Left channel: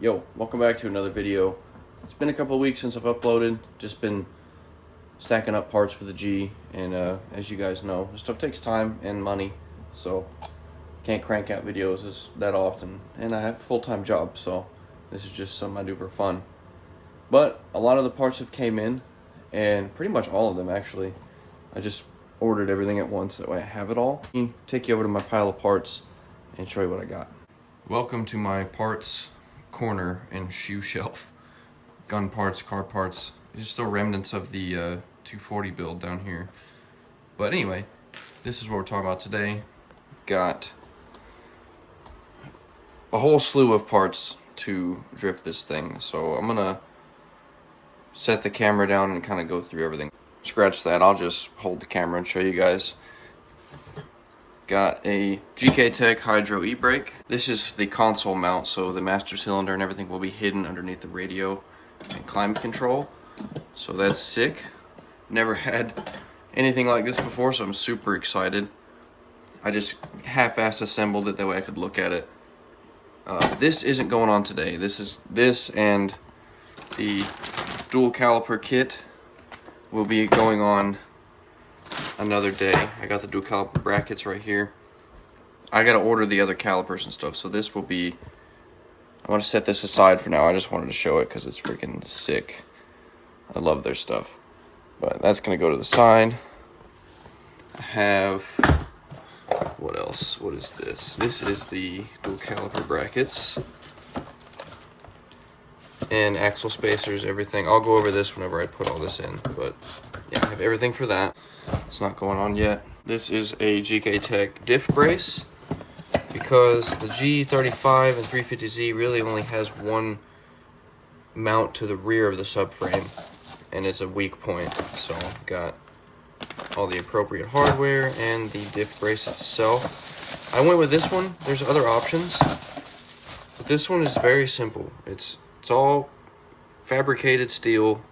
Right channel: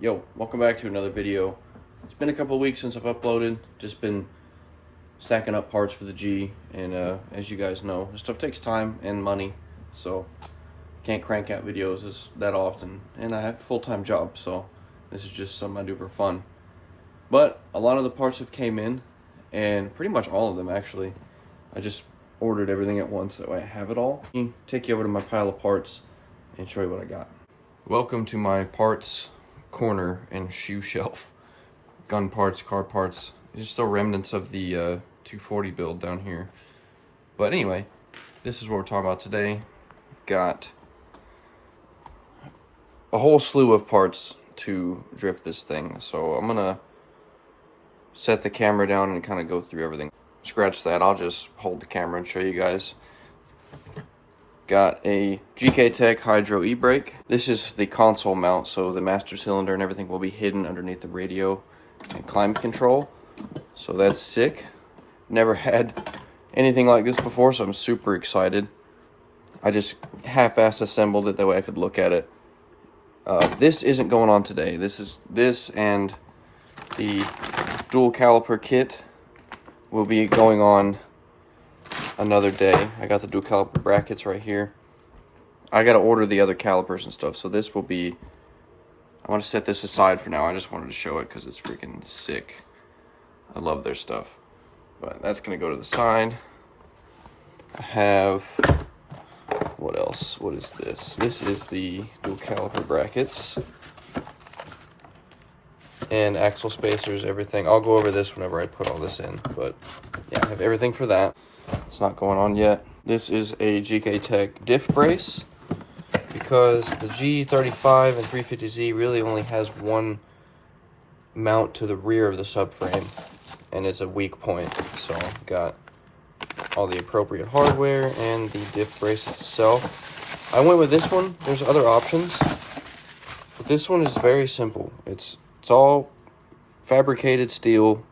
Yo, welcome back to another video. It's been a couple of weeks since I've uploaded. Just been stacking up parts for the G, and as you guys know, this stuff takes time and money, so can't crank out videos that often. And I have a full-time job, so this is just something I do for fun. But a lot of the parts have came in, and pretty much all of them actually. I just ordered everything at once, that way I have it all. I'll take you over to my pile of parts and show you what I got. Welcome to my parts corner and shoe shelf. Gun parts, car parts. There's still remnants of the 240 build down here. But anyway, this is what we're talking about today. We've got a whole slew of parts to drift this thing. So I'm gonna set the camera down and kind of go through everything. Scratch that, I'll just hold the camera and show you guys. Got a Bcracing Hydro e-brake. This is the console mount, so the master cylinder and everything will be hidden underneath the radio and climate control. So that's sick. Never had anything like this before, so I'm super excited. I just half-ass assembled it, that way I could look at it. This isn't going on today. This and the dual caliper kit will be going on another day. I got the dual caliper brackets right here. I gotta order the other calipers and stuff, so this will be, I want to set this aside for now. I just wanted to show it because it's freaking sick. I love their stuff. But that's gonna go to the side. I have, what else? What is this? This is the dual caliper brackets and axle spacers, everything. I'll go over this whenever I put all this in, but yeah, I have everything for that. It's not going on yet. This is a Bcracing diff brace, because the G35 and 350Z really only has one mount to the rear of the subframe, and it's a weak point. So I've got all the appropriate hardware and the diff brace itself. I went with this one. There's other options, but this one is very simple. It's all fabricated steel.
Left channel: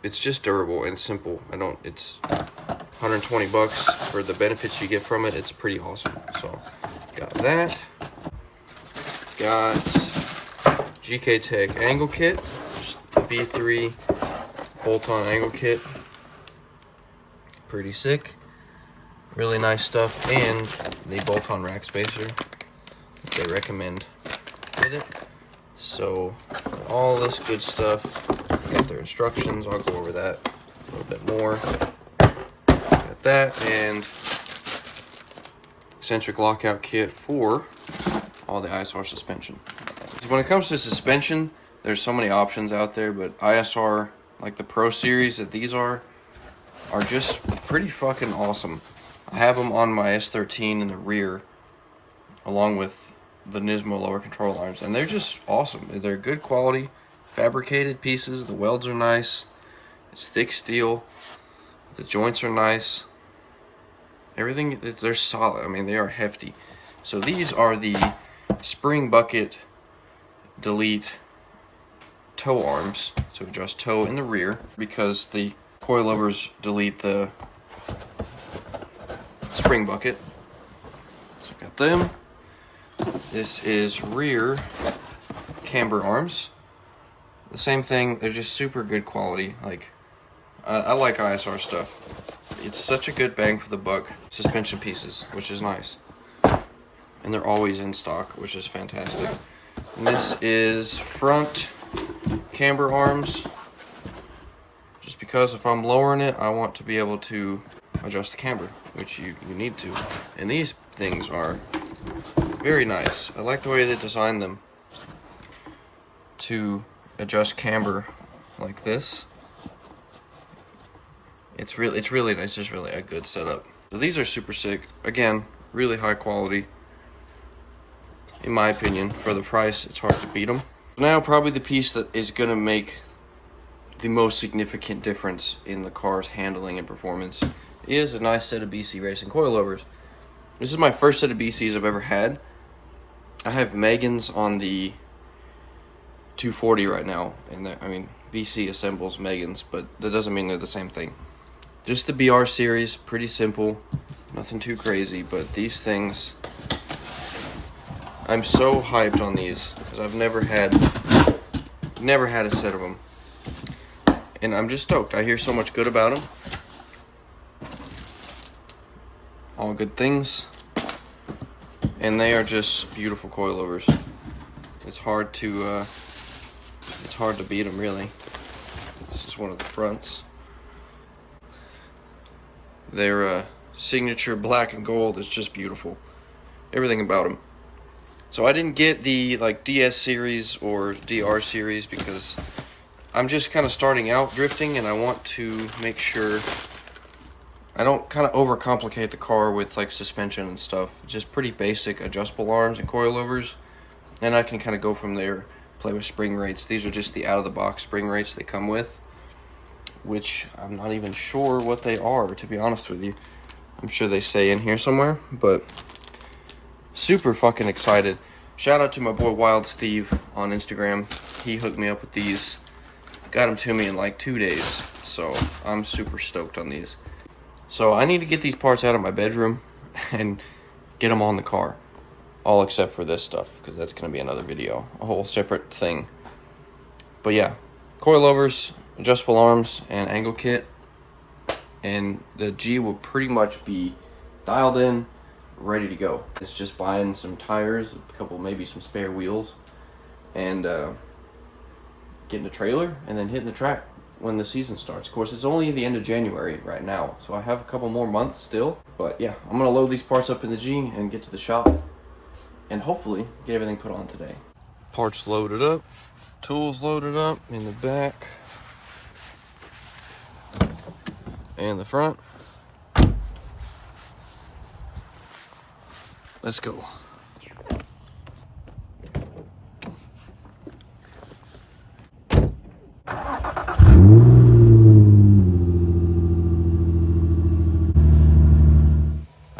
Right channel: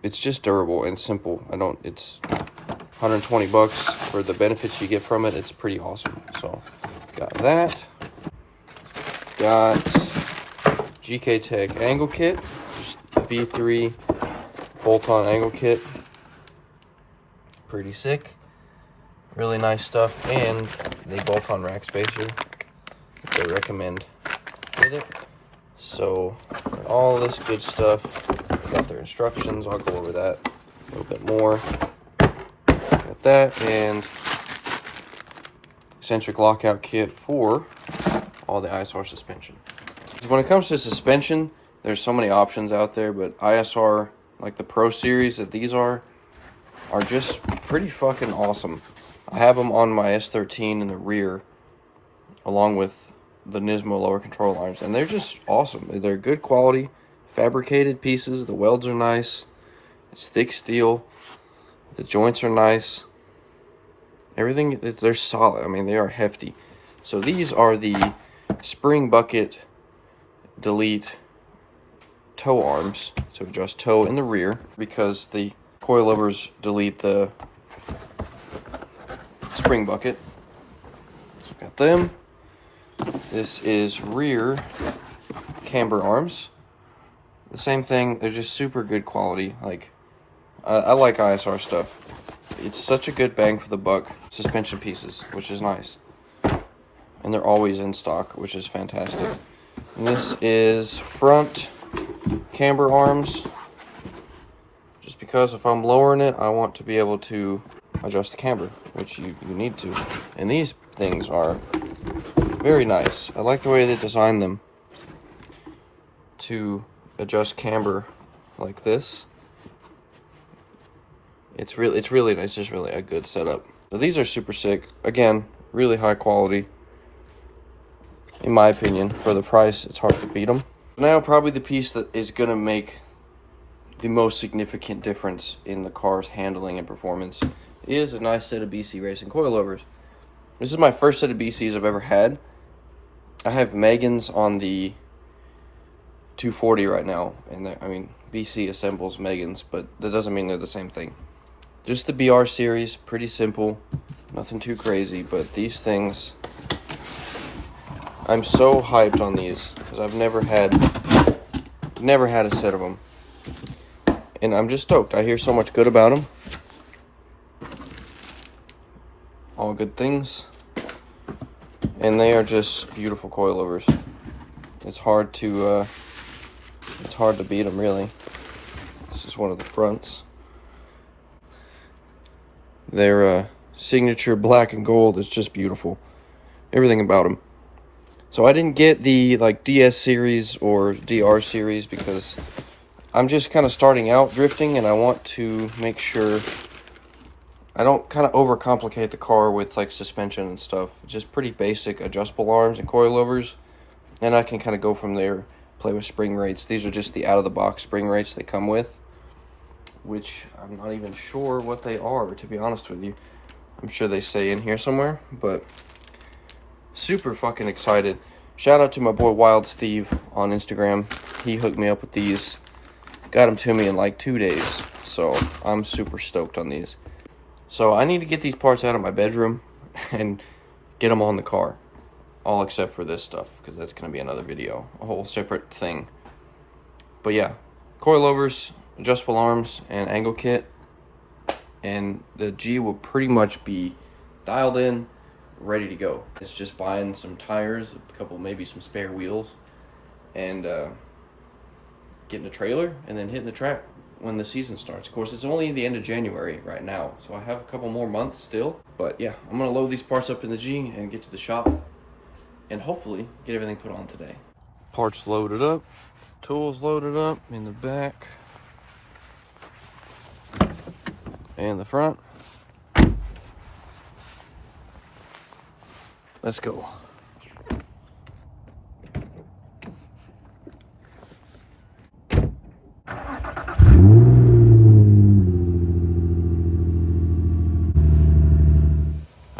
It's just durable and simple. It's 120 bucks for the benefits you get from it. It's pretty awesome. So got that. Got Bcracing angle kit, V3 bolt-on angle kit. Pretty sick. Really nice stuff, and the bolt-on rack spacer that they recommend with it. So all this good stuff. Got their instructions. I'll go over that a little bit more. Got that, and eccentric lockout kit for all the ISR suspension. So when it comes to suspension, there's so many options out there, but ISR, like the Pro Series that these are just pretty fucking awesome. I have them on my S13 in the rear, along with the Nismo lower control arms, and they're just awesome. They're good quality, fabricated pieces. The welds are nice. It's thick steel. The joints are nice. Everything, they're solid. I mean, they are hefty. So these are the spring bucket delete toe arms to adjust toe in the rear, because the coilovers delete the spring bucket. So got them. This is rear camber arms. The same thing, they're just super good quality. Like, I like ISR stuff. It's such a good bang for the buck suspension pieces, which is nice. And they're always in stock, which is fantastic. And this is front camber arms. Just because if I'm lowering it, I want to be able to adjust the camber, which you need to. And these things are very nice. I like the way they designed them to adjust camber like this. It's really nice. It's really a good setup. So these are super sick. Again, really high quality. In my opinion, for the price, it's hard to beat them. Now, probably the piece that is gonna make the most significant difference in the car's handling and performance is a nice set of Bcracing coilovers. This is my first set of BCs I've ever had. I have Megans on the 240 right now, and I mean, BC assembles Megans, but that doesn't mean they're the same thing. Just the BR series, pretty simple, nothing too crazy, but these things I'm so hyped on these because I've never had a set of them. And I'm just stoked. I hear so much good about them. All good things. And they are just beautiful coilovers. It's hard to beat them, really. This is one of the fronts. Their signature black and gold is just beautiful. Everything about them. So I didn't get the like DS series or DR series because I'm just kind of starting out drifting, and I want to make sure I don't kind of overcomplicate the car with like suspension and stuff. Just pretty basic adjustable arms and coilovers, and I can kind of go from there, play with spring rates. These are just the out-of-the-box spring rates they come with, which I'm not even sure what they are, to be honest with you. I'm sure they say in here somewhere, but super fucking excited. Shout out to my boy Wild Steve on Instagram. He hooked me up with these. Got them to me in like 2 days. So I'm super stoked on these. So I need to get these parts out of my bedroom and get them on the car. All except for this stuff, because that's going to be another video. A whole separate thing. But yeah, coilovers, adjustable arms, and angle kit. And the G will pretty much be dialed in, ready to go. It's just buying some tires, a couple, maybe some spare wheels, and getting a trailer, and then hitting the track when the season starts. Of course, it's only the end of January right now, so I have a couple more months still. But yeah, I'm gonna load these parts up in the G and get to the shop, and hopefully get everything put on today. Parts loaded up, tools loaded up in the back and the front. Let's go.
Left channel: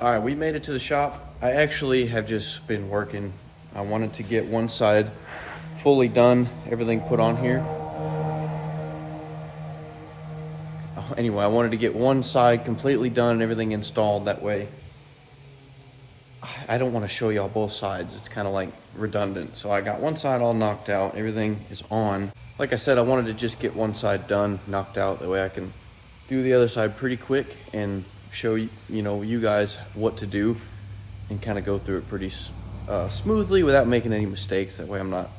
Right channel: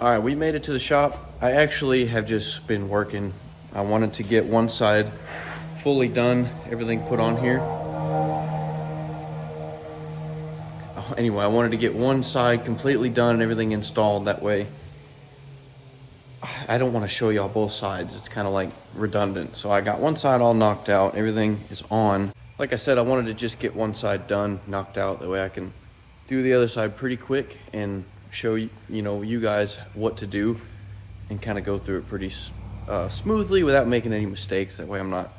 All right, we made it to the shop. I actually have just been working. I wanted to get one side fully done, everything put on here. Anyway, I wanted to get one side completely done and everything installed. That way I don't want to show y'all both sides. It's kind of like redundant. So I got one side all knocked out. Everything is on. Like I said, I wanted to just get one side done, knocked out. That way I can do the other side pretty quick and show you guys what to do and kind of go through it pretty smoothly without making any mistakes. That way I'm not,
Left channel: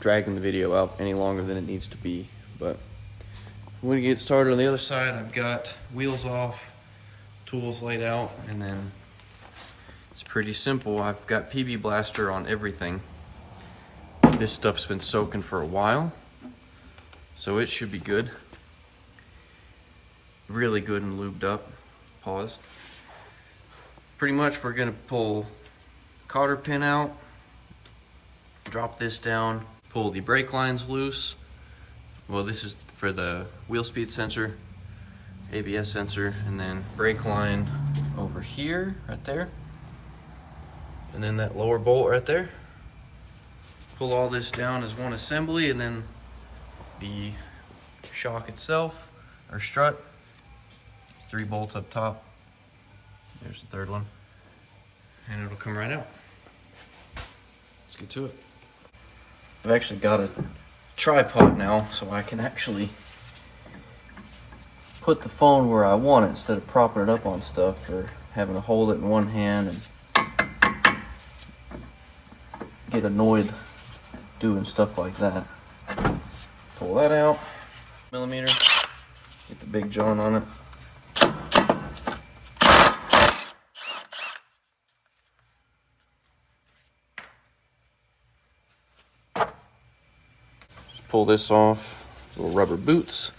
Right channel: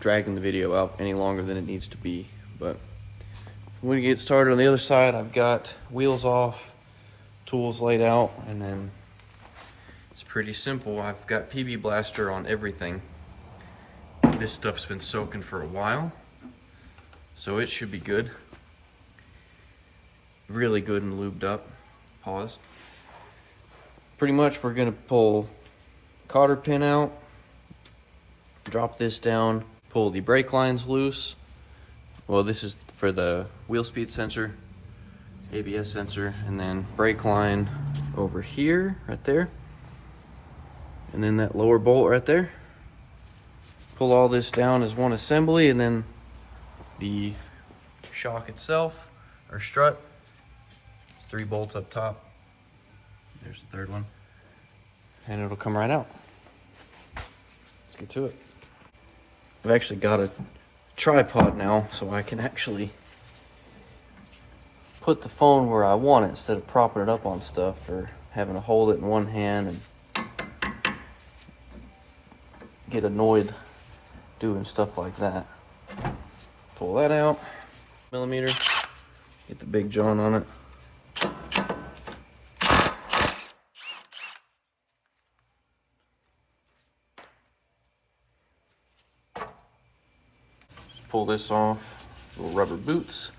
dragging the video out any longer than it needs to be. But when we get started on the other side, I've got wheels off, tools laid out, and then it's pretty simple. I've got PB Blaster on everything. This stuff's been soaking for a while, so it should be good. Really good and lubed up. Pause. Pretty much we're gonna pull cotter pin out, drop this down, pull the brake lines loose. Well, this is for the wheel speed sensor, ABS sensor, and then brake line over here, right there. And then that lower bolt right there. Pull all this down as one assembly, and then the shock itself, or strut, 3 bolts up top. There's the third one. And it'll come right out. Let's get to it. I've actually got a tripod now, so I can actually put the phone where I want it instead of propping it up on stuff or having to hold it in one hand and get annoyed doing stuff like that. Pull that out, millimeter, get the big joint on it. Pull this off, little rubber boots.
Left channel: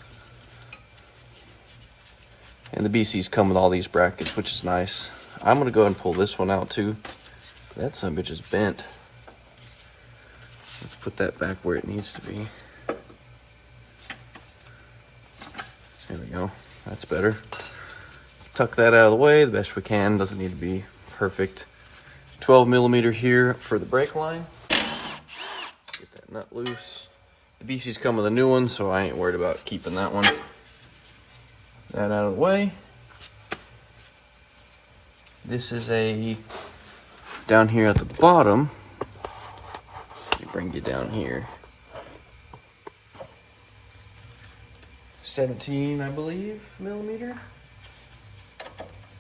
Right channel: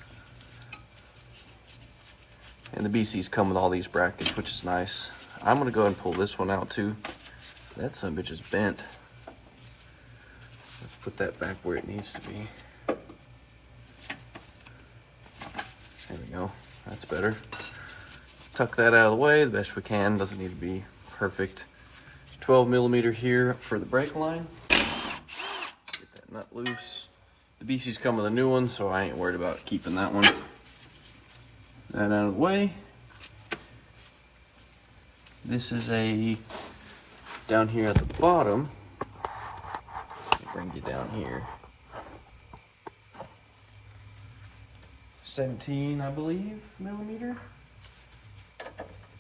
And the BCs come with all these brackets, which is nice. I'm gonna go ahead and pull this one out too. That son of a bitch is bent. Let's put that back where it needs to be. There we go, that's better. Tuck that out of the way the best we can, doesn't need to be perfect. 12 millimeter here for the brake line. Get that nut loose. The BCs come with a new one, so I ain't worried about keeping that one. That out of the way. This is a down here at the bottom, let me bring you down here. 17, I believe, millimeter.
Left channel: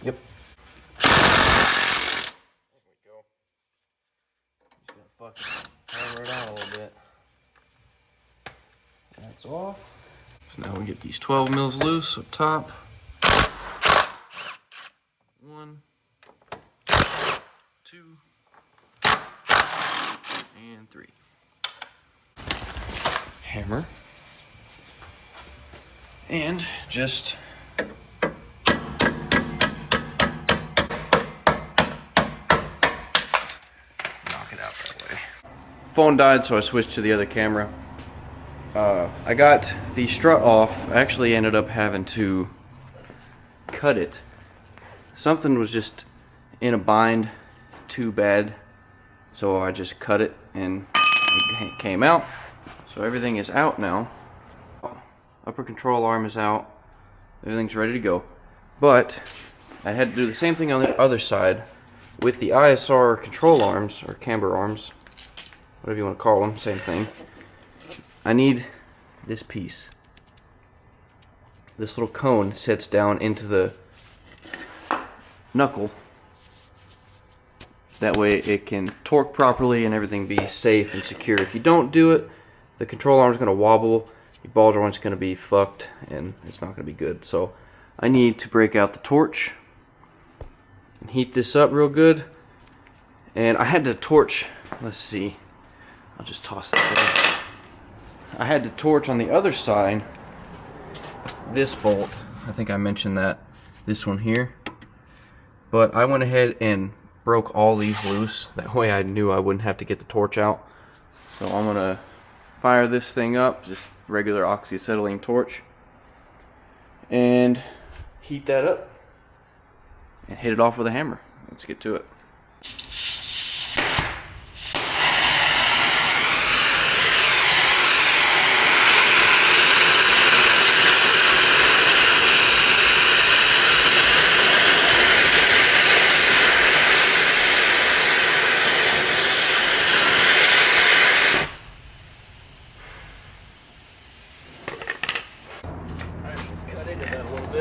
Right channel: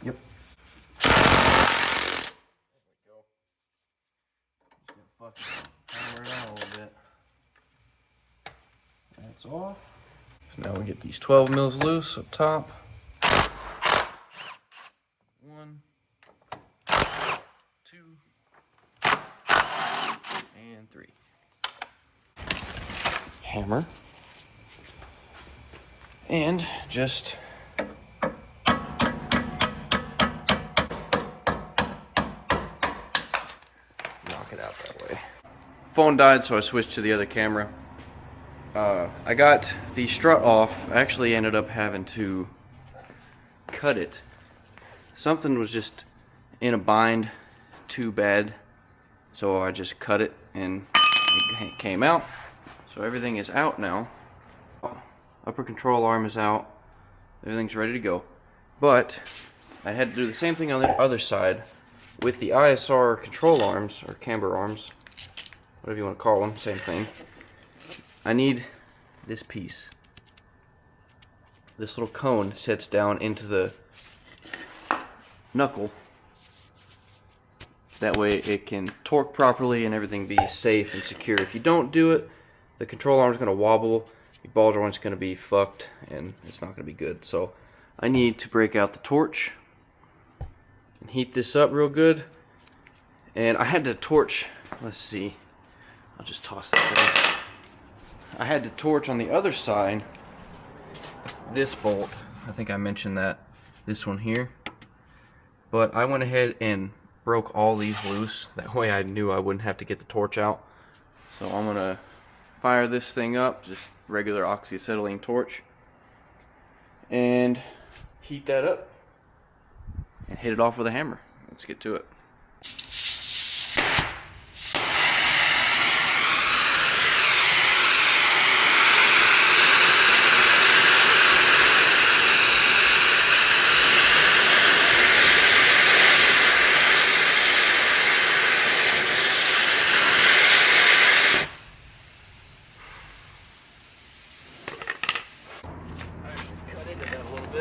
Yep. There we go. Just gonna fucking hammer it out a little bit. That's off. So now we get these 12 mils loose up top. 1, 2, and 3. Hammer. And just knock it out that way. Phone died, so I switched to the other camera. I got the strut off. I actually ended up having to cut it. Something was just in a bind too bad, so I just cut it and it came out. So everything is out now. Upper control arm is out. Everything's ready to go. But I had to do the same thing on the other side with the ISR control arms, or camber arms, whatever you want to call them, same thing. I need this piece. This little cone sits down into the knuckle. That way it can torque properly and everything be safe and secure. If you don't do it, the control arm is going to wobble, your ball joint's going to be fucked, and it's not going to be good. So I need to break out the torch and heat this up real good. And I had to torch, let's see, I'll just toss that there. I had to torch on the other side this bolt. I think I mentioned that, this one here. But I went ahead and broke all these loose. That way I knew I wouldn't have to get the torch out. So I'm gonna fire this thing up, just regular oxyacetylene torch, and heat that up and hit it off with a hammer. Let's get to it.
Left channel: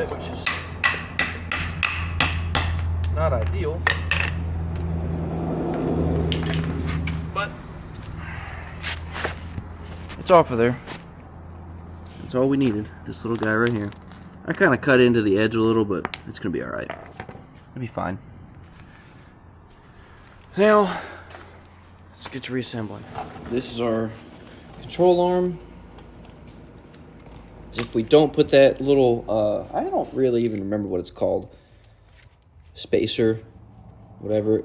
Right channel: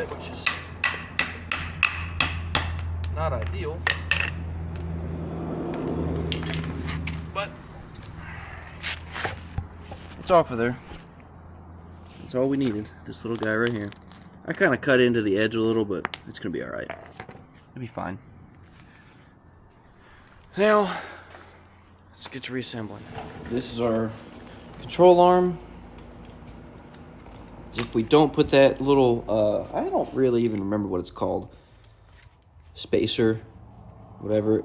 Which is not ideal, but it's off of there. That's all we needed, this little guy right here. I kind of cut into the edge a little, but it's gonna be all right. It'll be fine. Now let's get to reassembling. This is our control arm. If we don't put that little, I don't really even remember what it's called, spacer, whatever,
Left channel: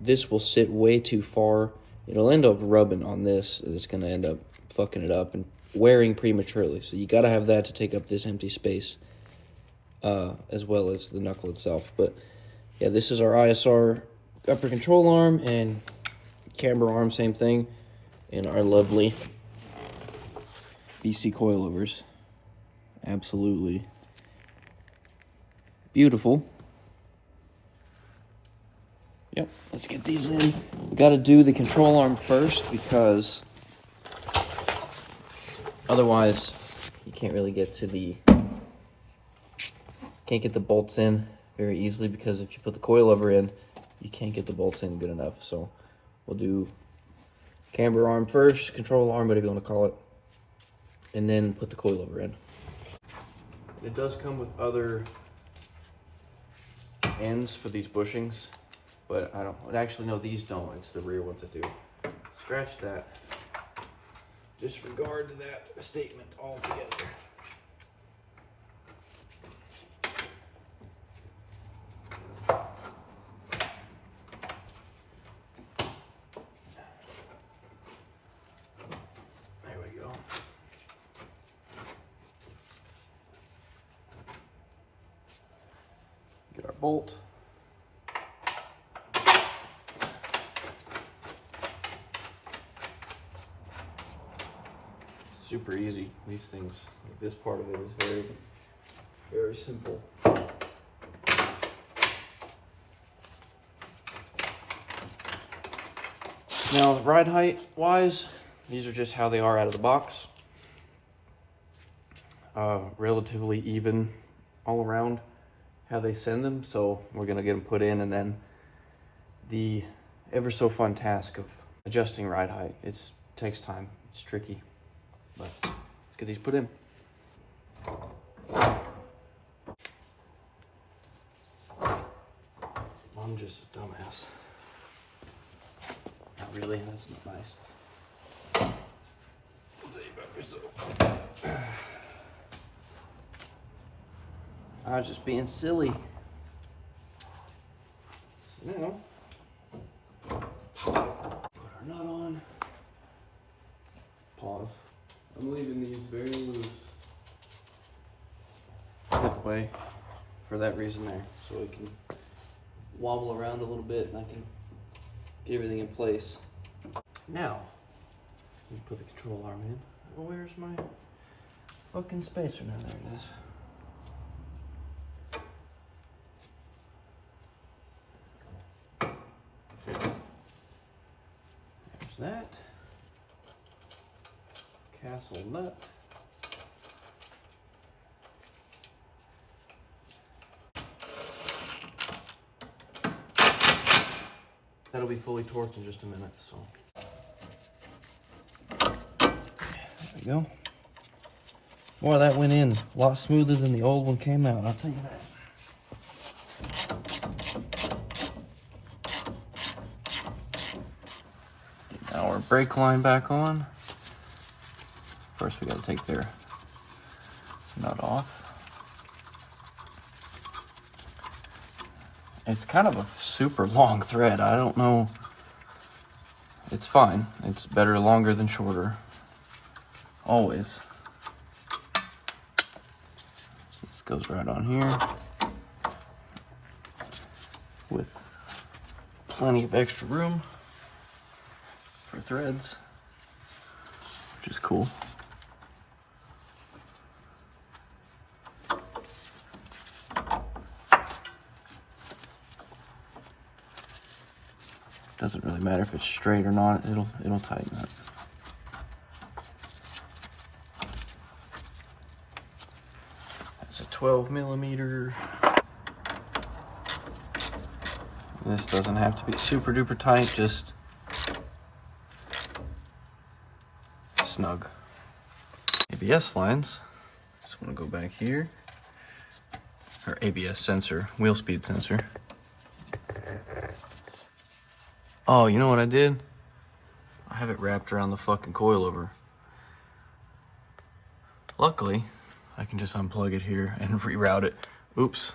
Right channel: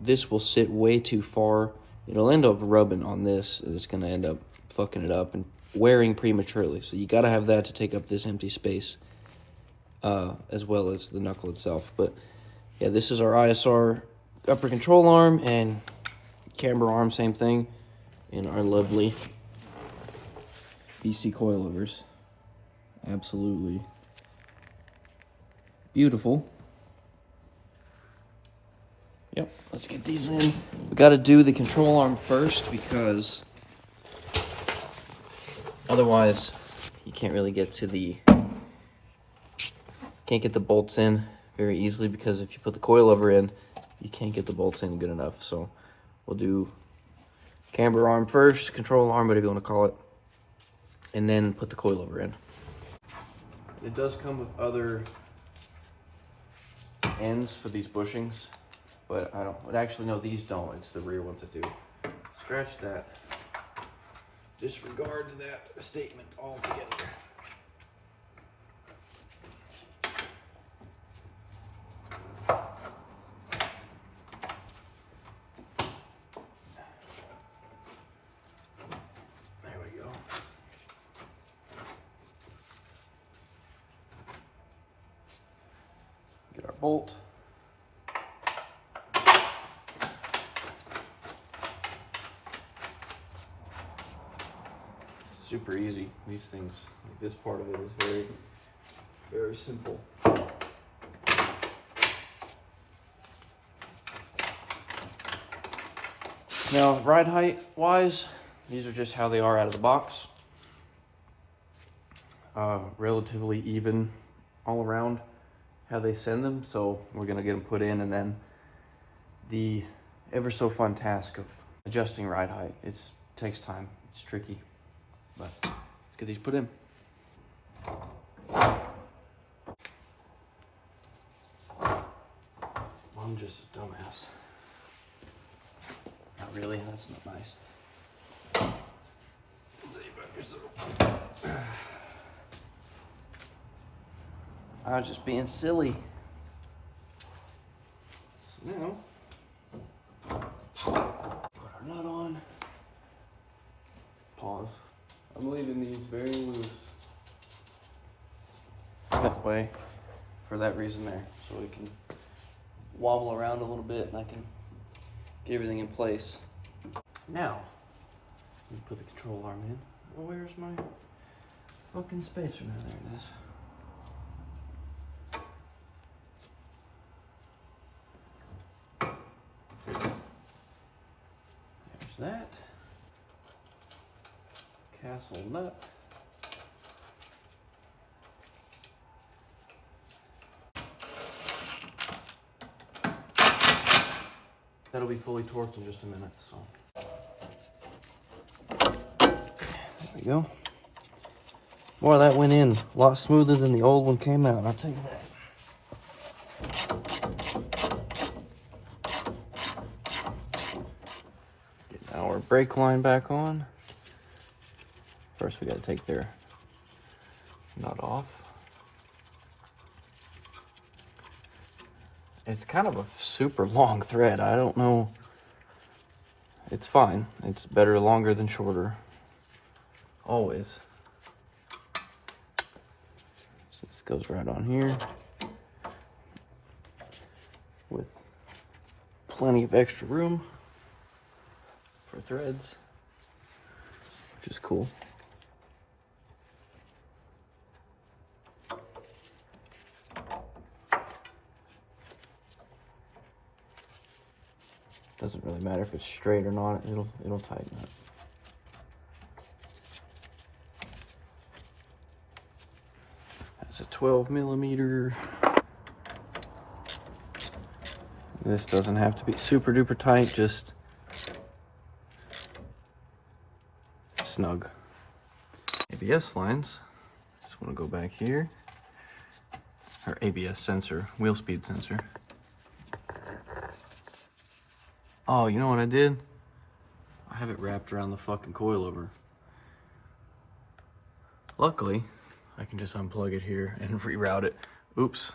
this will sit way too far. It'll end up rubbing on this, and it's going to end up fucking it up and wearing prematurely. So you got to have that to take up this empty space, as well as the knuckle itself. But yeah, this is our ISR upper control arm and camber arm, same thing, and our lovely BC coilovers. Absolutely beautiful. Yep, let's get these in. We got to do the control arm first, because otherwise you can't really get to the, can't get the bolts in very easily, because if you put the coilover in, you can't get the bolts in good enough. So we'll do camber arm first, control arm, whatever you want to call it, and then put the coilover in. It does come with other ends for these bushings, but I don't, actually no, these don't, it's the rear ones that do. Scratch that. Disregard that statement altogether. Get our bolt. Super easy. These things, like this part of it is very, very simple. Now, ride height wise, these are just how they are out of the box. Relatively even all around how they send them. So we're gonna get them put in, and then the ever so fun task of adjusting ride height. It takes time, it's tricky, but let's get these put in. I'm just a dumbass. Not really, that's not nice. Say about yourself. I was just being silly. So now, put our nut on. Pause. I'm leaving these very loose. That way, for that reason there, so we can wobble around a little bit and I can get everything in place. Now, we put the control arm in. Well, where's my fucking spacer? Now there it is. There's that. Castle nut. That'll be fully torqued in just a minute, so. There we go. Boy, that went in a lot smoother than the old one came out, I'll tell you that. Get our brake line back on. First, we gotta take their nut off. It's kind of a super long thread. I don't know. It's fine. It's better longer than shorter. Always. So this goes right on here with plenty of extra room for threads, which is cool. Doesn't really matter if it's straight or not, it'll tighten up. That's a 12 millimeter. This doesn't have to be super duper tight, just snug. ABS lines, just wanna go back here. Or ABS sensor, wheel speed sensor. Oh, you know what I did? I have it wrapped around the fucking coilover. Luckily, I can just unplug it here and reroute it. Oops.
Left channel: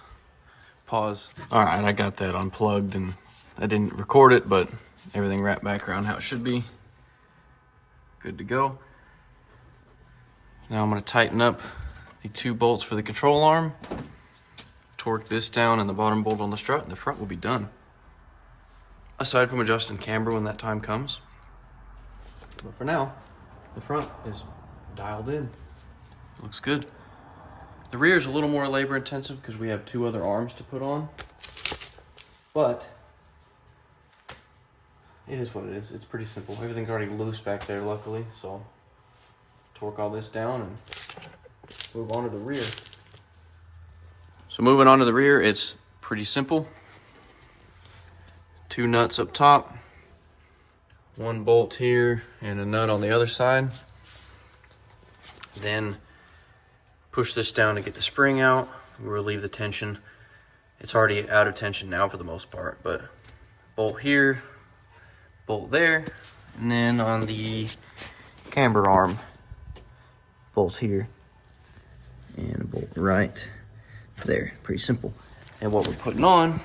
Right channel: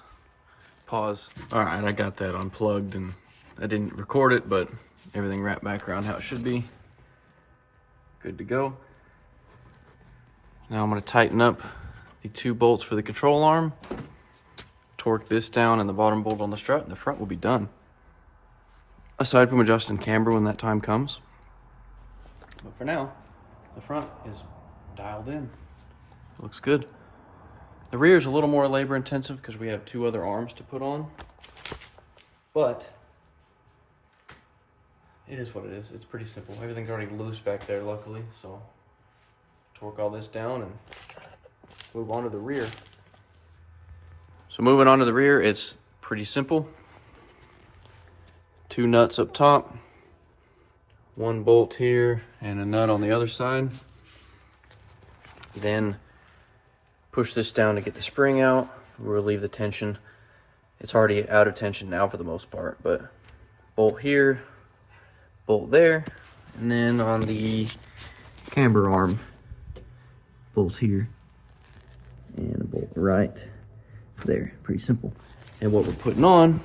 Pause. All right, I got that unplugged and I didn't record it, but everything wrapped back around how it should be. Good to go. Now I'm gonna tighten up the 2 bolts for the control arm, torque this down and the bottom bolt on the strut, and the front will be done. Aside from adjusting camber when that time comes. But for now, the front is dialed in. Looks good. The rear is a little more labor intensive because we have 2 other arms to put on. But it is what it is. It's pretty simple. Everything's already loose back there, luckily. So torque all this down and move on to the rear. So moving on to the rear, it's pretty simple. 2 nuts up top, 1 bolt here, and a nut on the other side. Then push this down to get the spring out, relieve the tension. It's already out of tension now for the most part, but bolt here, bolt there, and then on the camber arm, bolt here, and bolt right there. Pretty simple. And what we're putting on,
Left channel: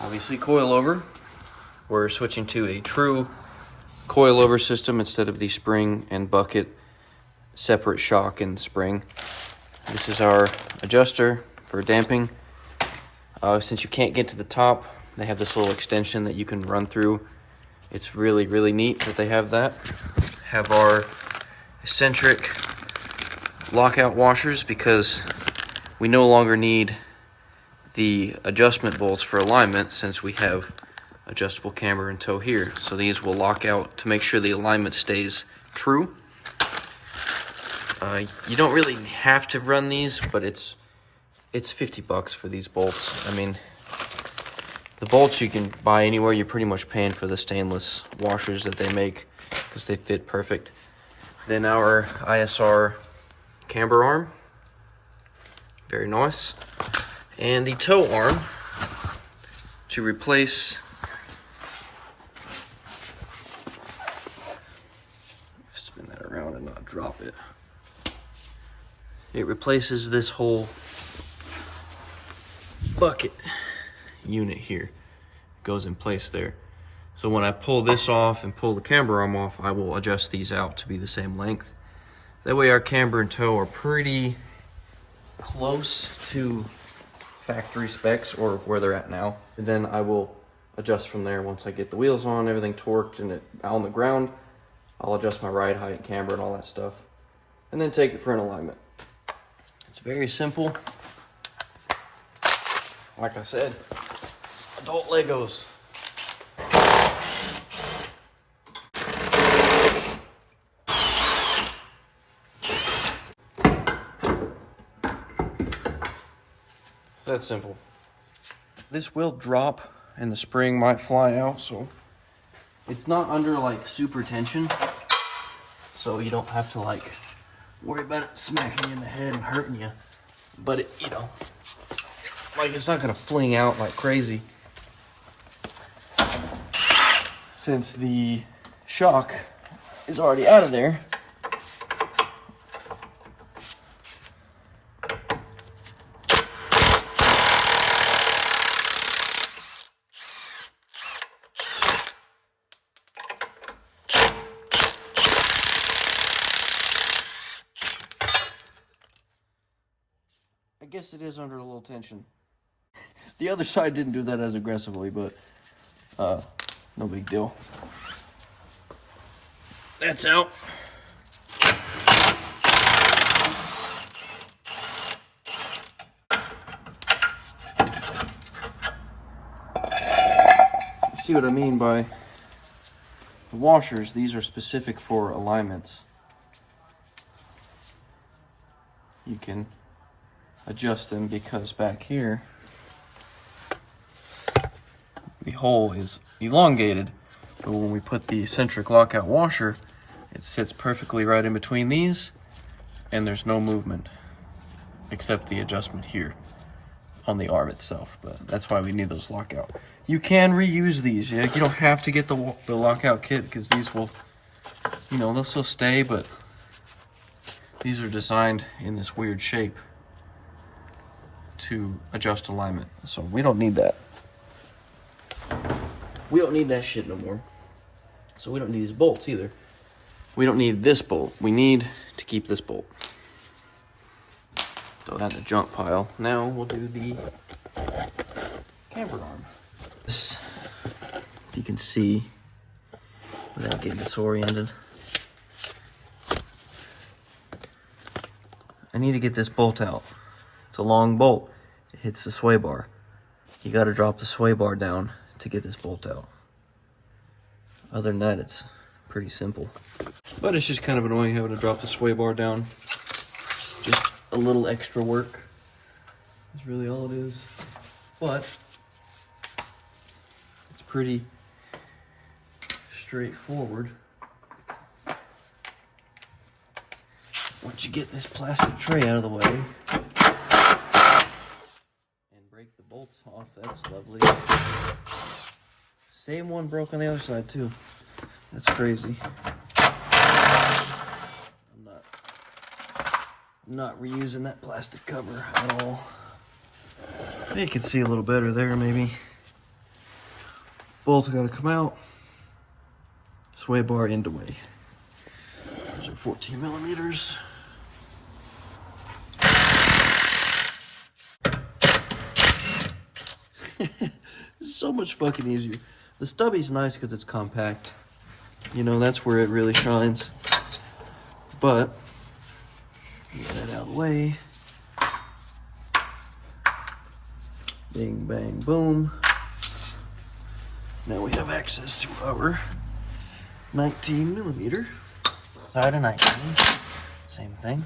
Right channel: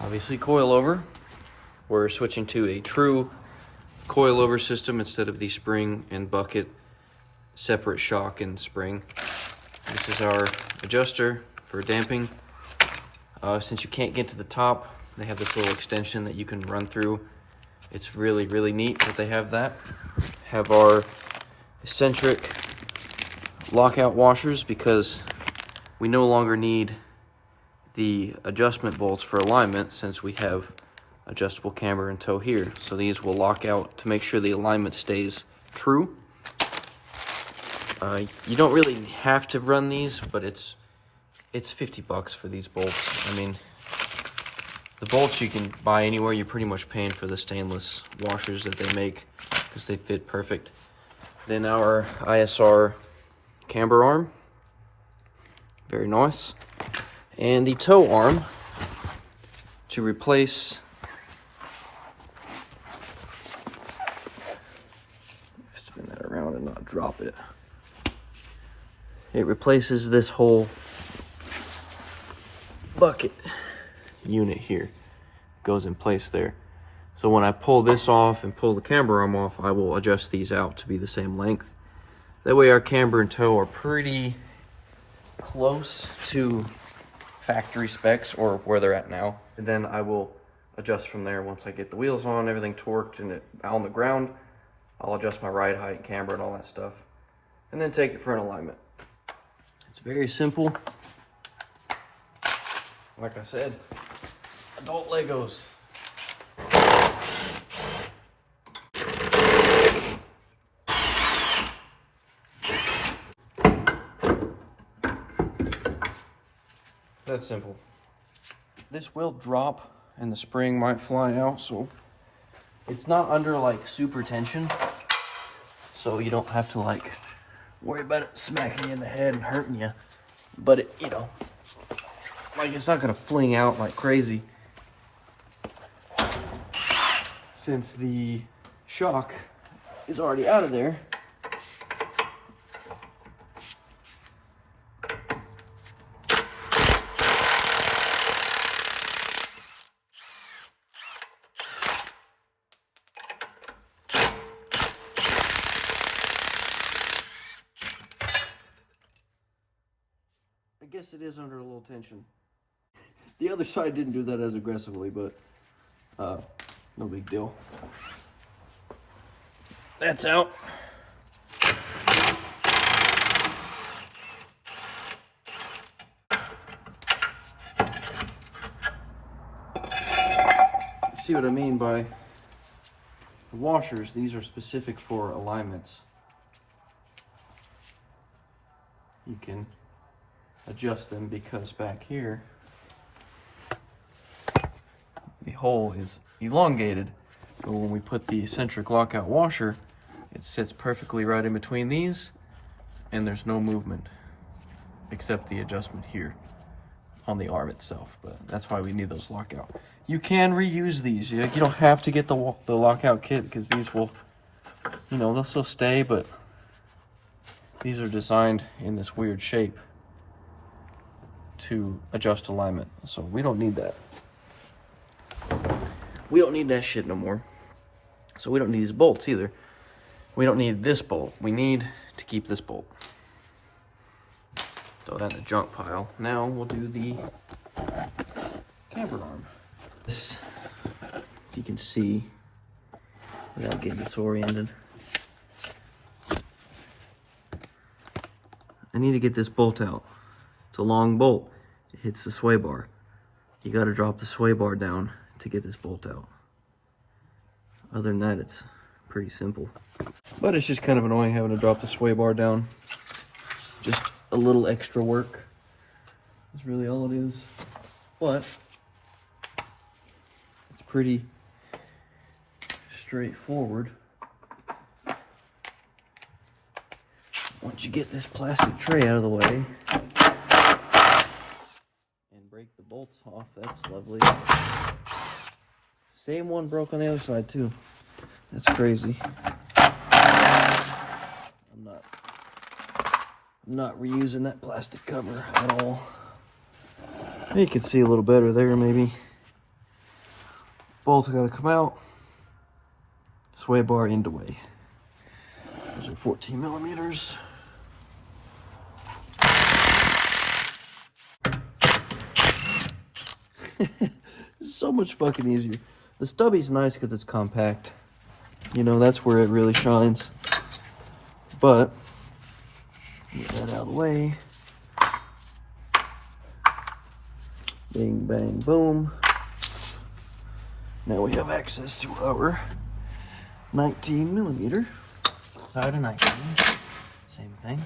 obviously coilover. We're switching to a true coilover system instead of the spring and bucket separate shock and spring. This is our adjuster for damping. Since you can't get to the top, they have this little extension that you can run through. It's really, really neat that they have that. Have our eccentric lockout washers because we no longer need the adjustment bolts for alignment since we have adjustable camber and toe here. So these will lock out to make sure the alignment stays true. You don't really have to run these, but it's $50 for these bolts. I mean, the bolts you can buy anywhere. You're pretty much paying for the stainless washers that they make because they fit perfect. Then our ISR camber arm, very nice. And the toe arm to replace, spin that around and not drop it. It replaces this whole bucket unit here. It goes in place there. So when I pull this off and pull the camber arm off, I will adjust these out to be the same length. That way our camber and toe are pretty close to factory specs or where they're at now. And then I will adjust from there once I get the wheels on, everything torqued and it on the ground. I'll adjust my ride height, camber, and all that stuff. And then take it for an alignment. It's very simple. Like I said, adult Legos. That's simple. This will drop and the spring might fly out, so it's not under like super tension. So you don't have to like worry about it smacking you in the head and hurting you. But it, you know, like it's not gonna fling out like crazy. Since the shock is already out of there. I guess it is under a little tension. The other side didn't do that as aggressively, but no big deal. That's out. See what I mean by the washers? These are specific for alignments. You can adjust them because back here the hole is elongated, but when we put the eccentric lockout washer, it sits perfectly right in between these and there's no movement except the adjustment here on the arm itself. But that's why we need those lockout. You can reuse these. You don't have to get the lockout kit because these will, you know, they'll still stay, but these are designed in this weird shape to adjust alignment. So we don't need that. We don't need that shit no more. So we don't need these bolts either. We don't need this bolt. We need to keep this bolt. Throw that in the junk pile. Now we'll do the camber arm. This, if you can see without getting disoriented, I need to get this bolt out. It's a long bolt. It hits the sway bar. You got to drop the sway bar down to get this bolt out. Other than that, it's pretty simple. But it's just kind of annoying having to drop the sway bar down. Just a little extra work. That's really all it is. But it's pretty straightforward. Once you get this plastic tray out of the way and break the bolts off, that's lovely. Same one broke on the other side too. That's crazy. I'm not reusing that plastic cover at all. You can see a little better there maybe. Bolts gotta come out. Sway bar end away. Those are 14 millimeters. So much fucking easier. The stubby's nice because it's compact. You know, that's where it really shines. But get that out of the way. Bing, bang, boom. Now we have access to our 19 millimeter. Side of 19, same thing.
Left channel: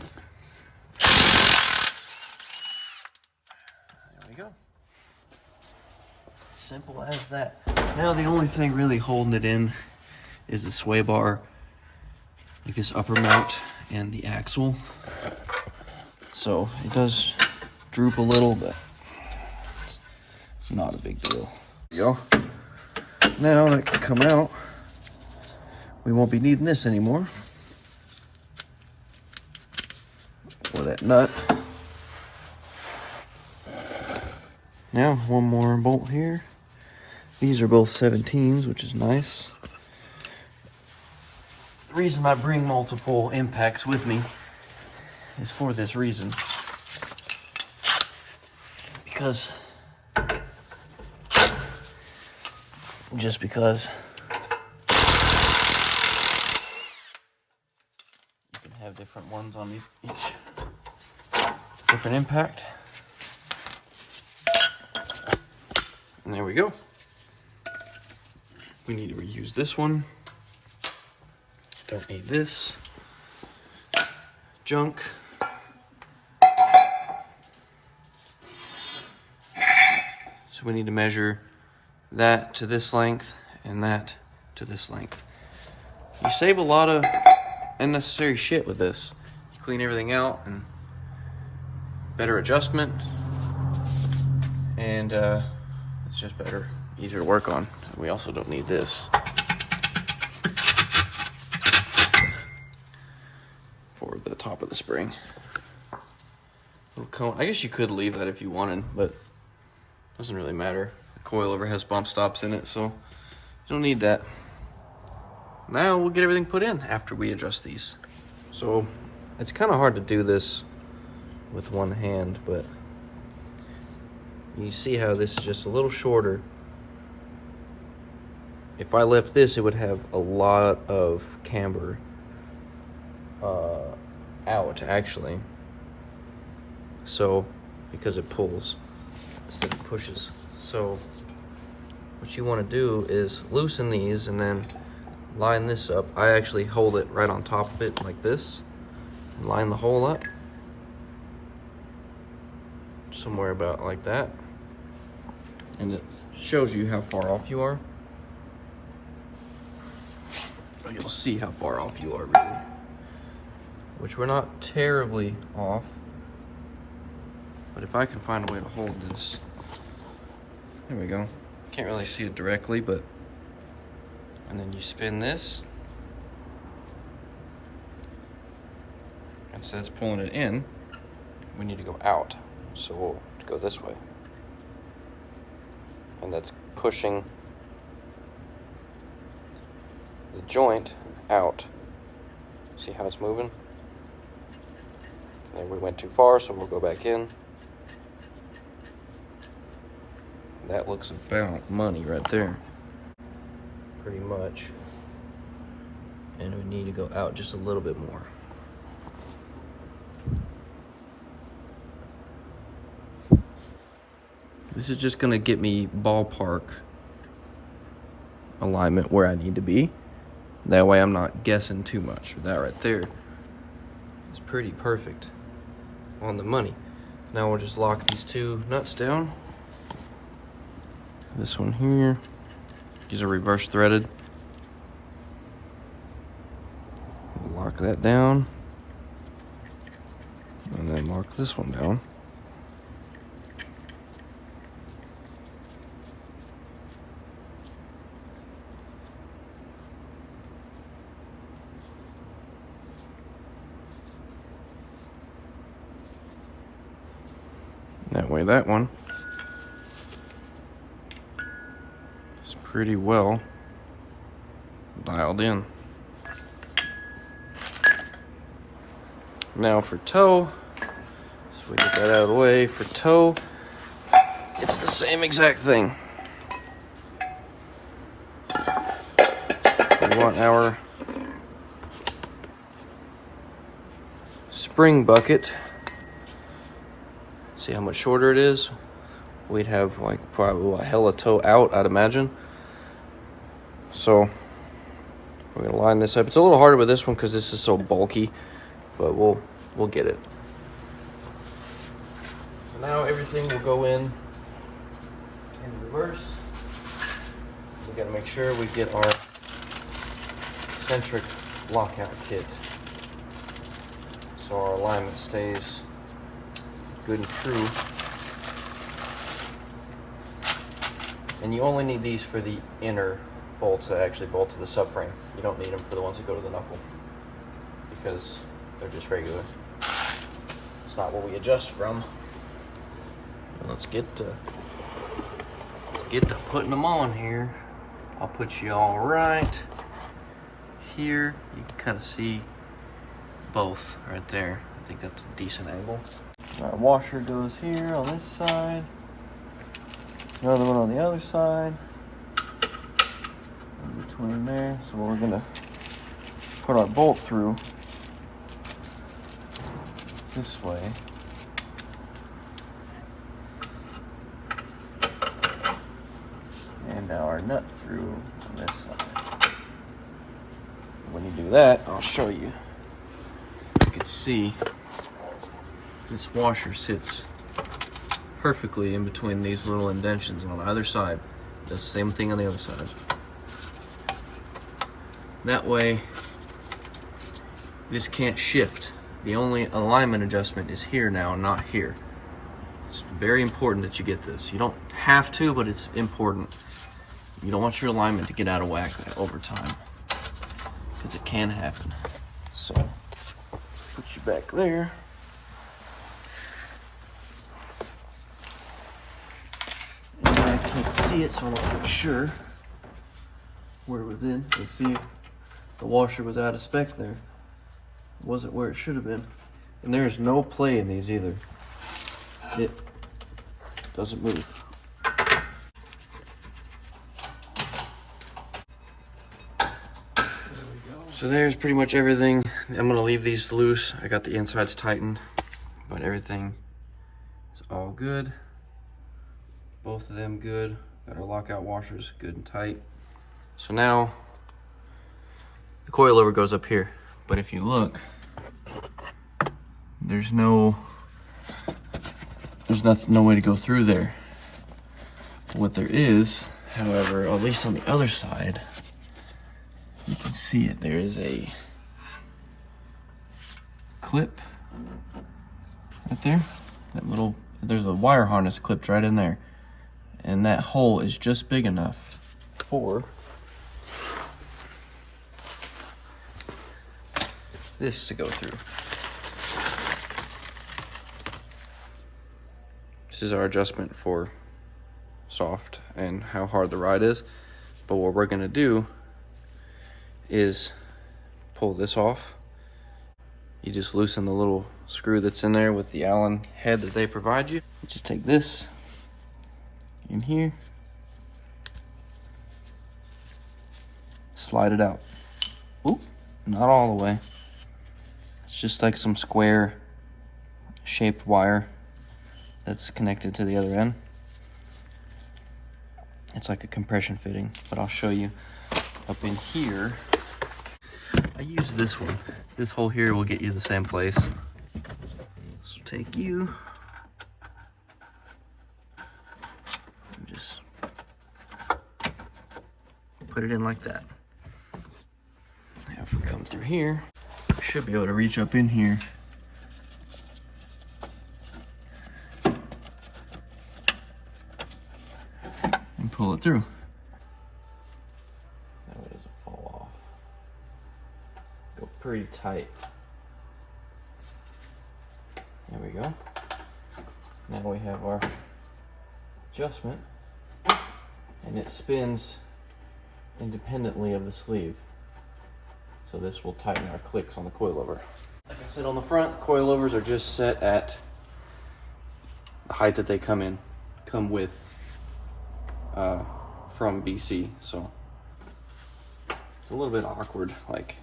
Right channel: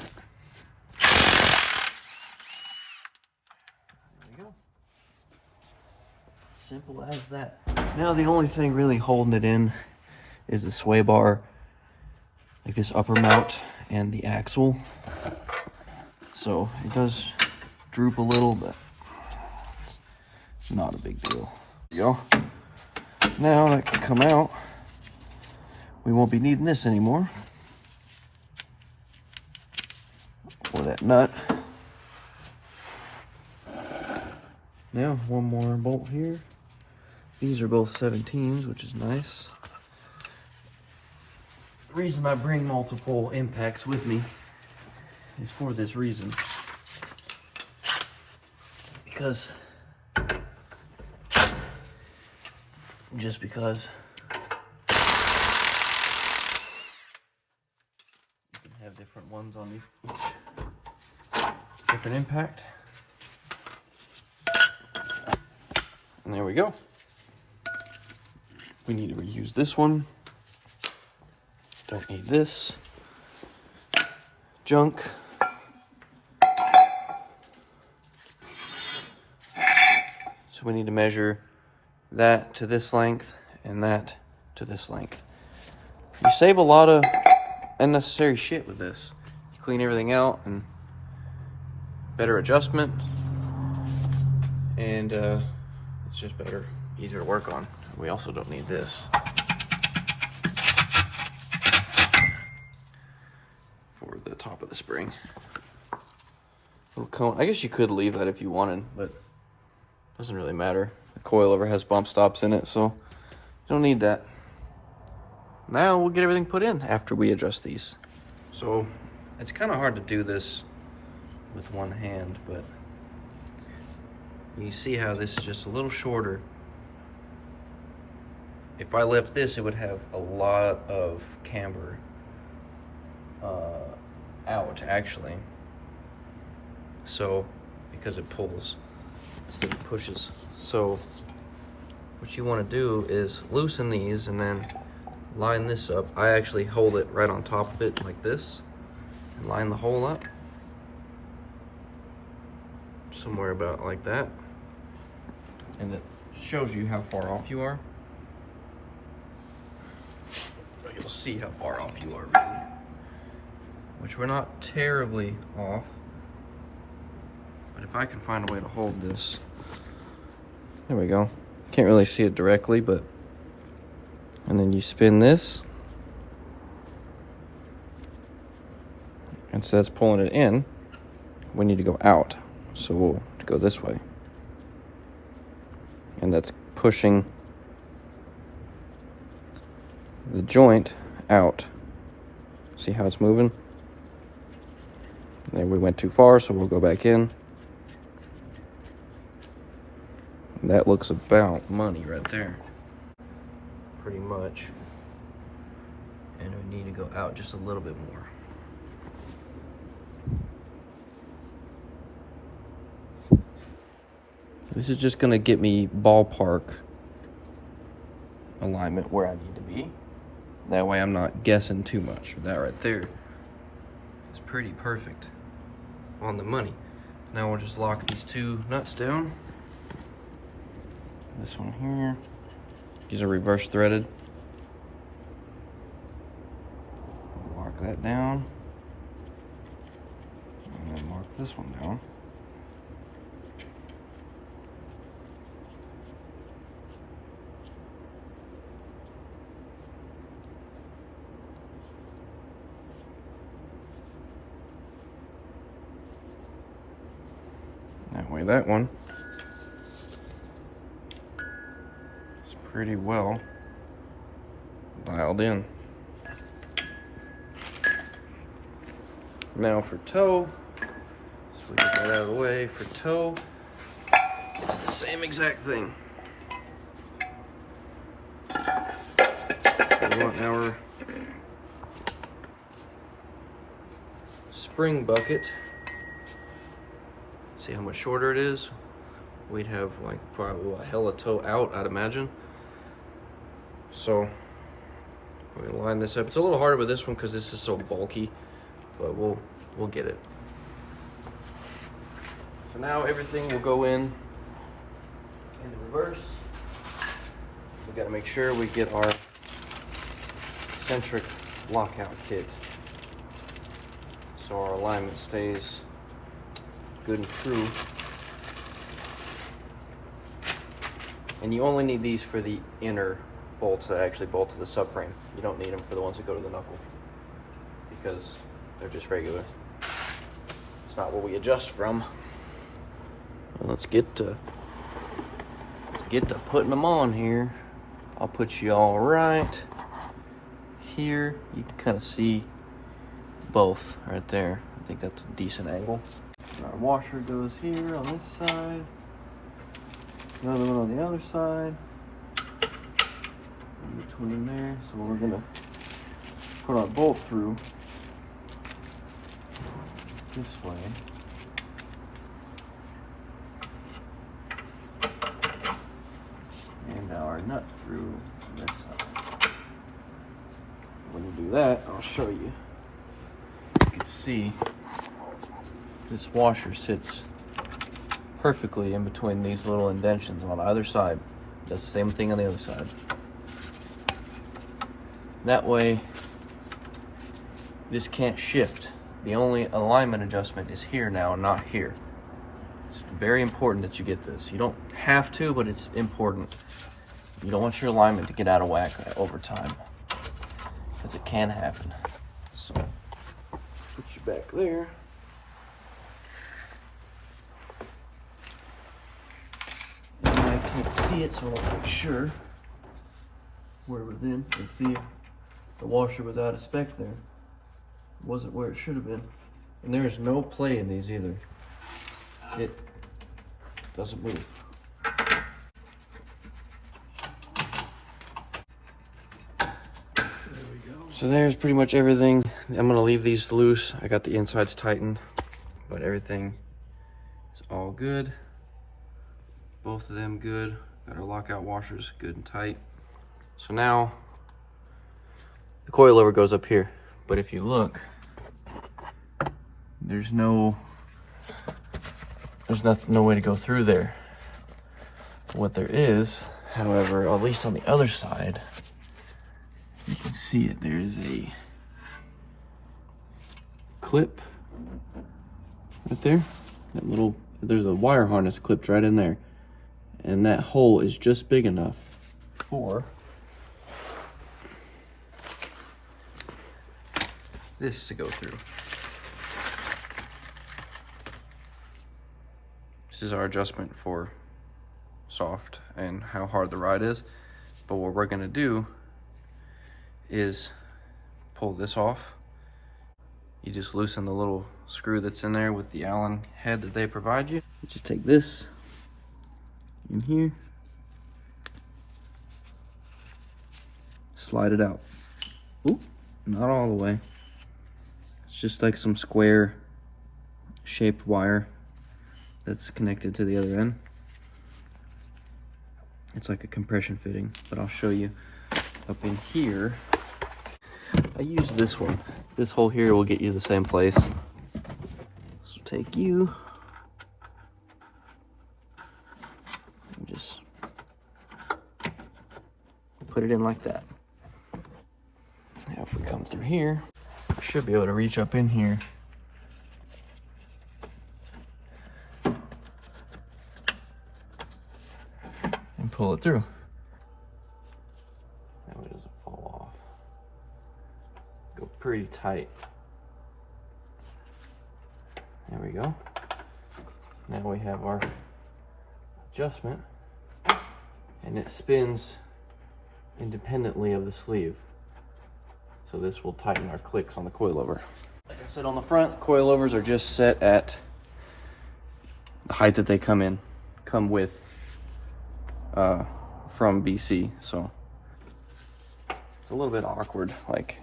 There we go. Simple as that. Now the only thing really holding it in is the sway bar, like this upper mount and the axle. So it does droop a little, but it's not a big deal. There you go. Now that can come out. We won't be needing this anymore. Or that nut. Now, one more bolt here. These are both 17s, which is nice. The reason I bring multiple impacts with me is for this reason. Because you can have different ones on each different impact. And there we go. We need to reuse this one. Don't need this junk. So we need to measure that to this length and that to this length. You save a lot of unnecessary shit with this. You clean everything out and better adjustment, and it's just better, easier to work on. We also don't need this for the top of the spring. Little cone. I guess you could leave that if you wanted, but it doesn't really matter. The coilover has bump stops in it, so you don't need that. Now we'll get everything put in after we adjust these. So it's kind of hard to do this with one hand, but you see how this is just a little shorter. If I left this, it would have a lot of camber out, actually. So, because it pulls instead of pushes. So, what you want to do is loosen these and then line this up. I actually hold it right on top of it like this and line the hole up. Somewhere about like that. And it shows you how far off you are. You'll see how far off you are, really. Which we're not terribly off. But if I can find a way to hold this. There we go. Can't really see it directly, but. And then you spin this. And so that's pulling it in. We need to go out. So we'll go this way. And that's pushing the joint out. See how it's moving? And then we went too far, so we'll go back in. And that looks about money right there. Pretty much. And we need to go out just a little bit more. This is just gonna get me ballpark alignment where I need to be. That way I'm not guessing too much. That right there is pretty perfect on the money. Now we'll just lock these two nuts down. This one here, these are reverse threaded. Lock that down. And then lock this one down. That way that one is pretty well dialed in. Now for toe, so we get that out of the way. For toe, it's the same exact thing. We want our spring bucket. See how much shorter it is? We'd have like probably a hella toe out, I'd imagine. So we're gonna line this up. It's a little harder with this one because this is so bulky, but we'll get it. So now everything will go in reverse. We gotta make sure we get our centric lockout kit so our alignment stays good and true. And you only need these for the inner bolts that actually bolt to the subframe. You don't need them for the ones that go to the knuckle because they're just regular. It's not what we adjust from. Well, let's get to putting them on here. I'll put you all right here. You can kind of see both right there. I think that's a decent angle. Our washer goes here on this side. Another one on the other side. In between there. So we're gonna put our bolt through this way. And now our nut through on this side. When you do that, I'll show you. You can see this washer sits perfectly in between these little indentions on either side. It does the same thing on the other side. That way, this can't shift. The only alignment adjustment is here now, not here. It's very important that you get this. You don't have to, but it's important. You don't want your alignment to get out of whack over time, because it can happen. So, put you back there. And I can't see it, so I'll make sure we're within. You see, the washer was out of spec there. It wasn't where it should have been. And there's no play in these either. It doesn't move. So there's pretty much everything. I'm gonna leave these loose. I got the insides tightened, but everything is all good. Both of them good. Got our lockout washers good and tight. So now the coilover goes up here. But if you look, there's no way to go through there. What there is, however, at least on the other side, you can see it. There is a clip right there. That little, there's a wire harness clipped right in there. And that hole is just big enough for this to go through. This is our adjustment for soft and how hard the ride is. But what we're gonna do is pull this off. You just loosen the little screw that's in there with the Allen head that they provide you. You just take this in here, slide it out. Oop, not all the way. It's just like some square shaped wire that's connected to the other end. It's like a compression fitting, but I'll show you up in here. I use this one. This hole here will get you the same place. So take you and just put it in like that. Now if we come through here, we should be able to reach up in here and pull it through. That way it doesn't fall off. Go pretty tight. There we go. Now we have our adjustment, and it spins independently of the sleeve. So this will tighten our clicks on the coilover. Like I said on the front, coilovers are just set at the height that they come with from BC. So it's a little bit awkward, like,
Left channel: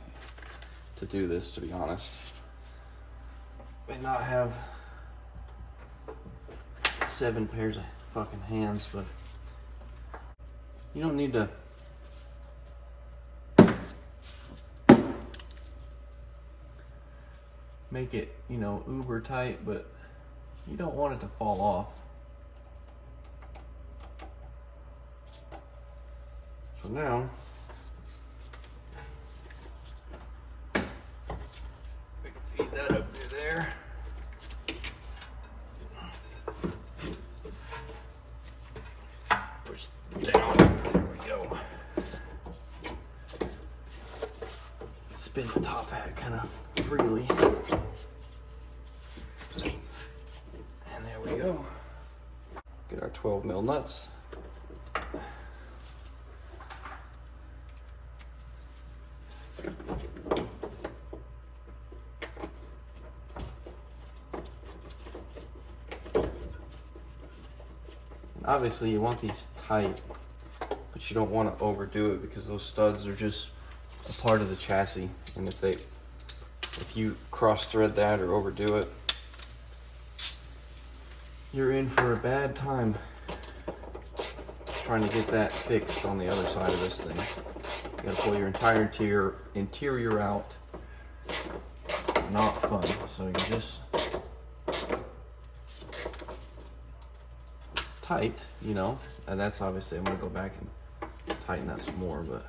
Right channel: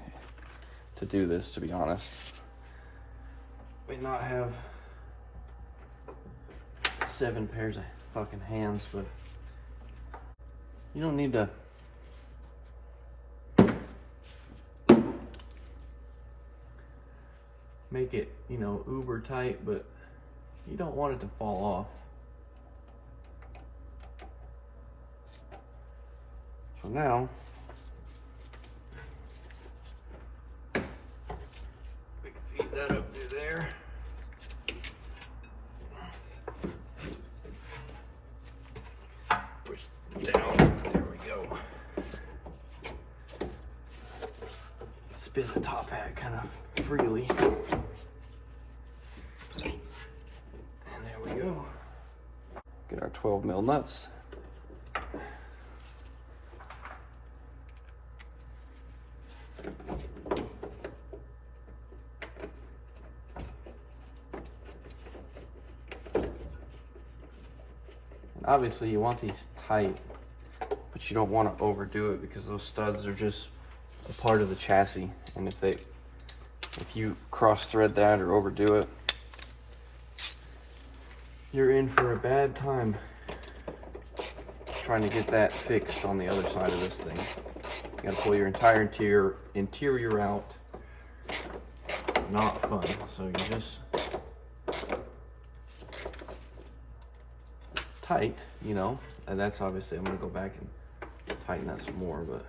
to do this, to be honest. We not have 7 pairs of fucking hands, but you don't need to make it, you know, uber tight, but you don't want it to fall off. So now, we can feed that up through there. Push down. There we go. Spin the top hat kind of freely. And there we go. Get our 12 mil nuts. Obviously you want these tight, but you don't want to overdo it because those studs are just a part of the chassis, and if you cross thread that or overdo it, you're in for a bad time trying to get that fixed on the other side of this thing. You gotta pull your entire interior out. Not fun. So you just tight, you know, and that's obviously, I'm gonna go back and tighten that some more, but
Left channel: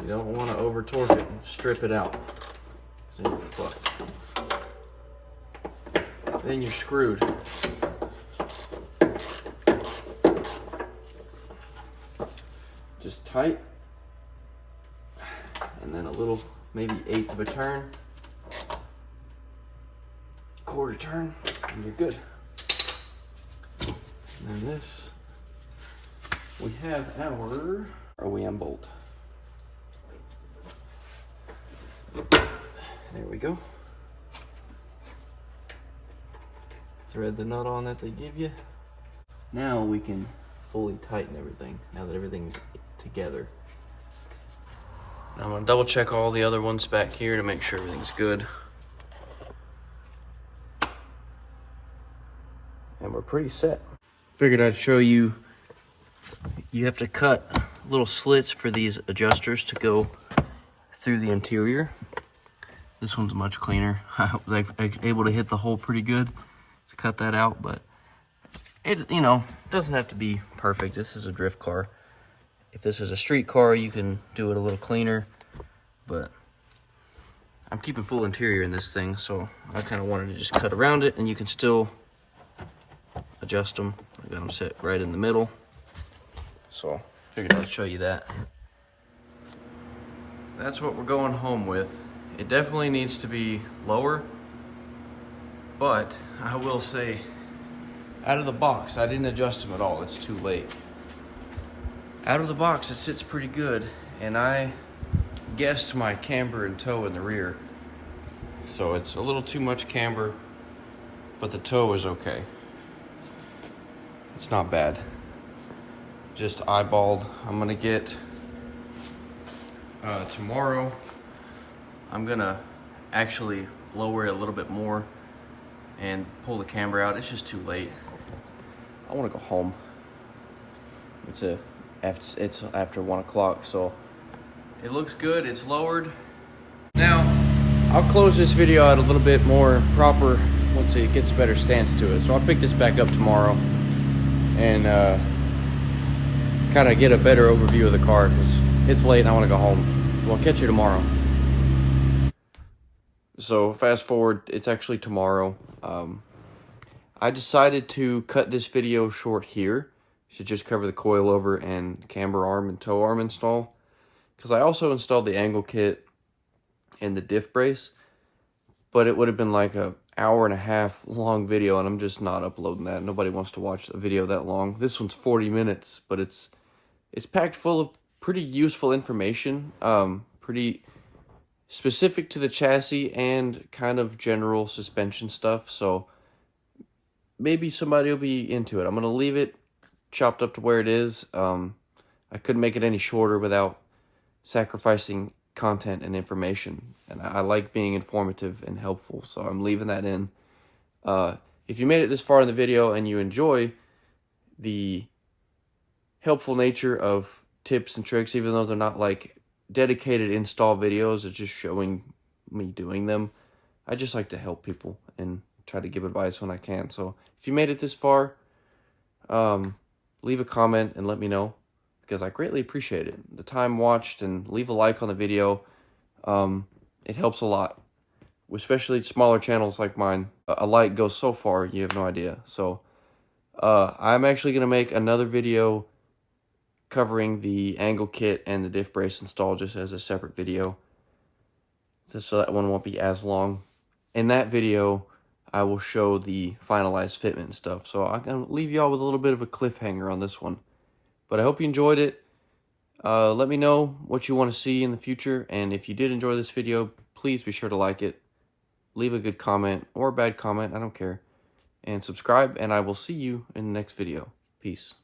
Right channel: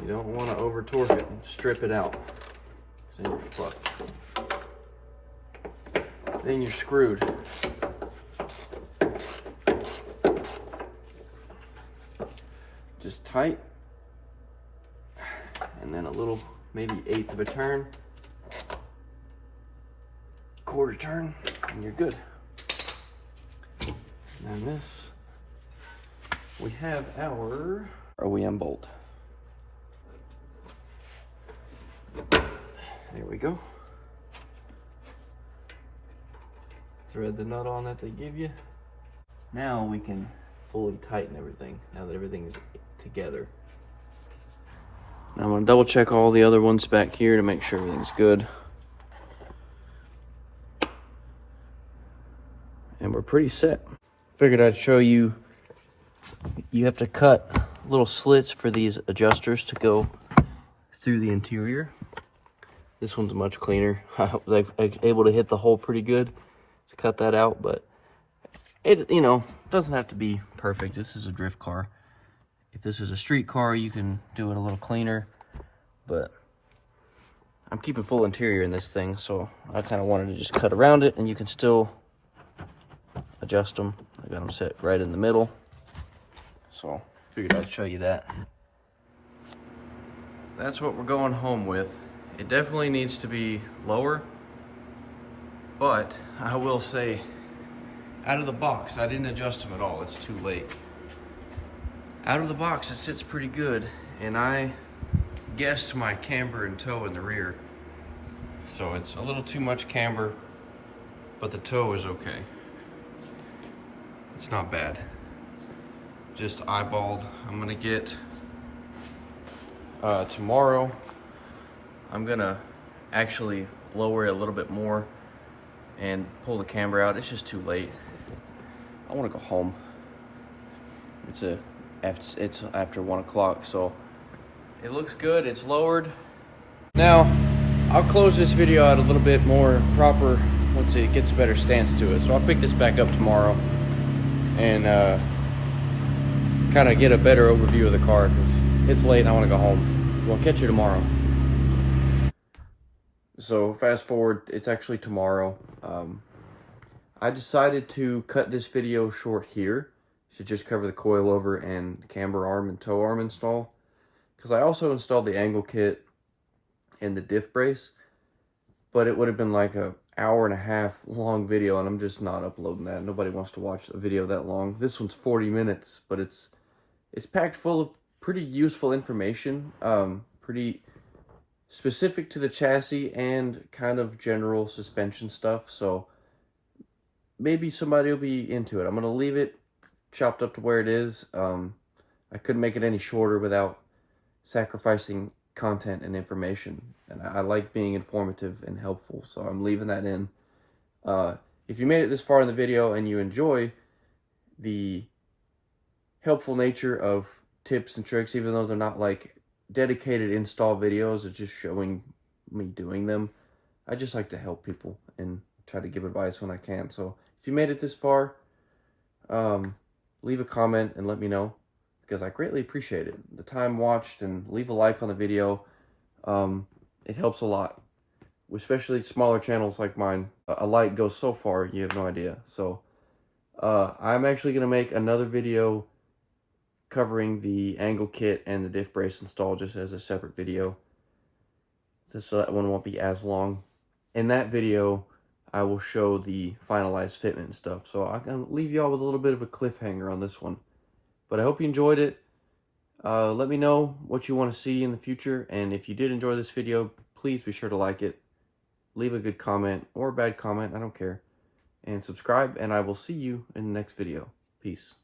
you don't want to over torque it and strip it out, so you're fucked. Then you're screwed. Just tight, and then a little, maybe 1/8 of a turn, 1/4 turn, and you're good. And then this, we have our OEM bolt. There we go. Thread the nut on that they give you. Now we can fully tighten everything, now that everything's together. I'm gonna double check all the other ones back here to make sure everything's good. And we're pretty set. Figured I'd show you, you have to cut little slits for these adjusters to go through the interior. This one's much cleaner. I was able to hit the hole pretty good to cut that out, but it, you know, doesn't have to be perfect. This is a drift car. If this is a street car, you can do it a little cleaner, but I'm keeping full interior in this thing, so I kind of wanted to just cut around it, and you can still adjust them. I got them set right in the middle, so figured I'd show you that. That's what we're going home with. It definitely needs to be lower, but I will say, out of the box, I didn't adjust them at all. It's too late. Out of the box, it sits pretty good, and I guessed my camber and toe in the rear. So it's a little too much camber, but the toe is okay. It's not bad. Just eyeballed. I'm gonna get, tomorrow, I'm gonna actually lower it a little bit more and pull the camber out. It's just too late. I wanna go home. It's after 1 o'clock, so it looks good. It's lowered. Now, I'll close this video out a little bit more proper once it gets a better stance to it. So I'll pick this back up tomorrow and kind of get a better overview of the car because it's late and I want to go home. We'll catch you tomorrow. So fast forward, it's actually tomorrow. I decided to cut this video short here to just cover the coilover and camber arm and toe arm install, because I also installed the angle kit and the diff brace, but it would have been like an 1.5 hour long video, and I'm just not uploading that. Nobody wants to watch a video that long. This one's 40 minutes, but it's packed full of pretty useful information, pretty specific to the chassis and kind of general suspension stuff, so maybe somebody will be into it. I'm going to leave it chopped up to where it is. I couldn't make it any shorter without sacrificing content and information, and I like being informative and helpful, so I'm leaving that in. If you made it this far in the video and you enjoy the helpful nature of tips and tricks, even though they're not like dedicated install videos. It's just showing me doing them. I just like to help people and try to give advice when I can. So if you made it this far, leave a comment and let me know, because I greatly appreciate it. The time watched, and leave a like on the video. It helps a lot, especially smaller channels like mine. A like goes so far, you have no idea. So I'm actually going to make another video covering the angle kit and the diff brace install just as a separate video, just so that one won't be as long. In that video, I will show the finalized fitment and stuff. So I'm going to leave y'all with a little bit of a cliffhanger on this one. But I hope you enjoyed it. Let me know what you want to see in the future. And if you did enjoy this video, please be sure to like it. Leave a good comment or a bad comment, I don't care. And subscribe, and I will see you in the next video. Peace.